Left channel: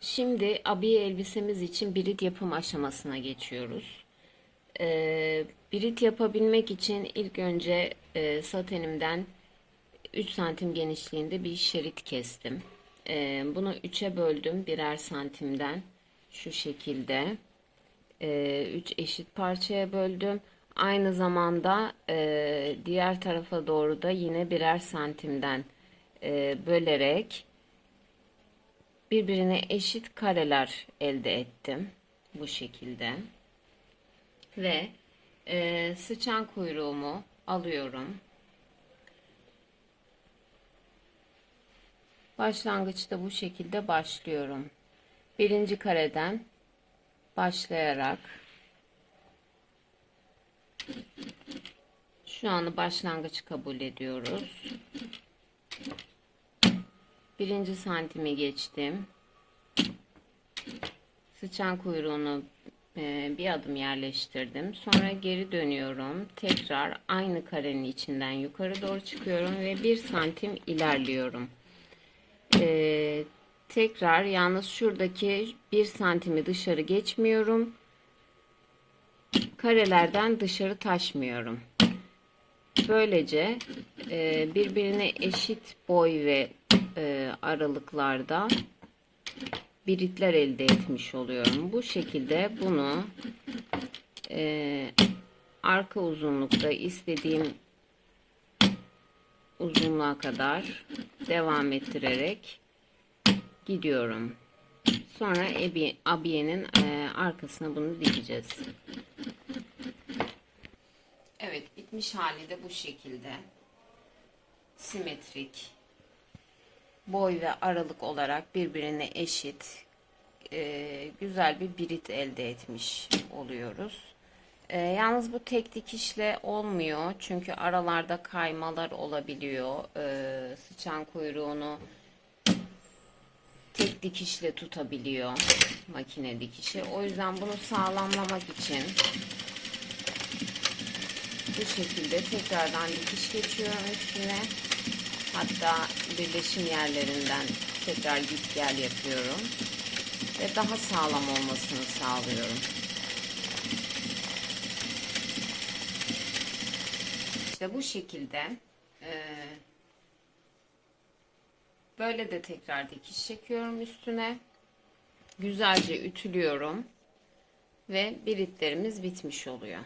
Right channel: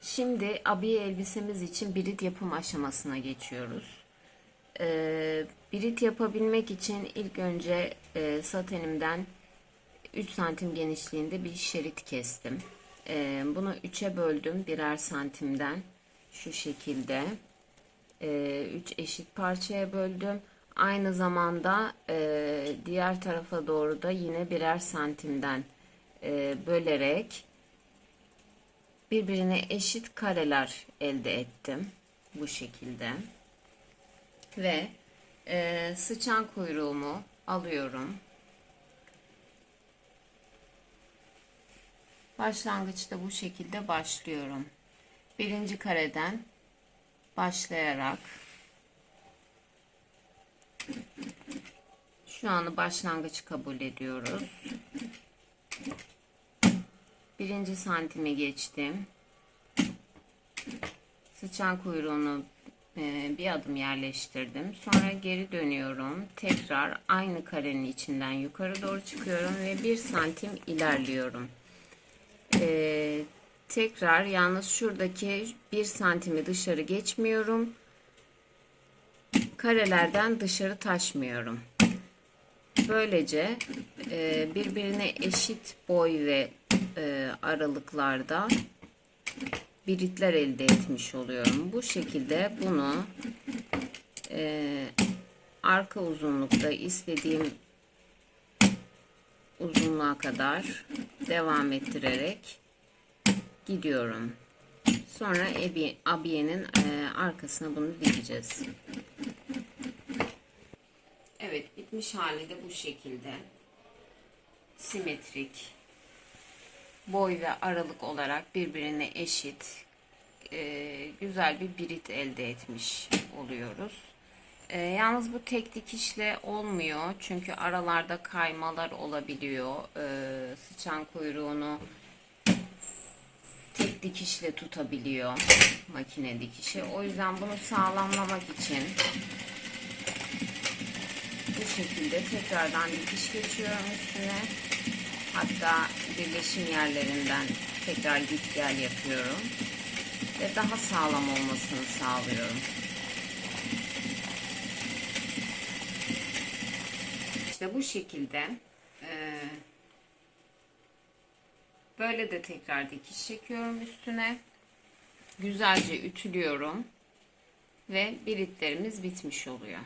Şimdi abiye elbisemiz için birit yapım aşamasına geçiyoruz. Ee, birit yapabilmek için ilk önce e, satenimden 3 santim genişliğinde bir şerit kestim. Ee, bunu 3'e böldüm birer santimden şu şekilde. 3 eşit parçaya böldüm. Aynı zamanda e, diğer tarafa doğru da yine birer santimden e, bölerek birbirine eşit kareler elde ettim. Bu şekilde. Ve e, sıçan kuyruğumu alıyorum. Başlangıçta bu şekilde başlıyorum. Birinci kareden başlayarak şu anı başlangıç kabul ediyoruz. Birinci santimi geçtim. Sıçan kuyruğunu e, bir adım yerleştirdim. Sonra geri dönüyorum. Tekrar aynı karenin içinden yukarı doğru çıkıyorum ve bir santim ilerliyorum. E, tekrar yalnız şuradaki bir santimi dışarı geçmiyorum. Karelerden dışarı taşmıyorum. Böylece e, birbirine eşit boy ve e, aralıklarda biritler elde etmiş oluyorum. Bu şekilde bunu e, arka uzunlukta istediğim uzunluğa kadar devam ettirerek gidiyorum. Sonra abiyenin e, arkasına bunu dikeceğiz. Evet bitmiş hali de bu şekilde. Simetrik. Boy ve aralık olarak birbirine eşit. e, güzel bir birit elde etmiş oluyoruz. E, yalnız bu tek dikişle olmuyor. Çünkü aralarda kaymalar olabiliyor. E, sıçan kuyruğunu tek dikişle tutabiliyor makine dikişi. O yüzden bunu sağlamlamak için bu şekilde tekrardan dikiş geçiyorum üstüne. Hatta birleşim yerlerinden tekrar git gel yapıyorum. Ve daha sağlam olmasını sağlıyorum. İşte bu şekilde e, böyle de tekrar dikiş çekiyorum üstüne. Güzelce ütülüyorum ve biritlerimiz bitmiş oluyor.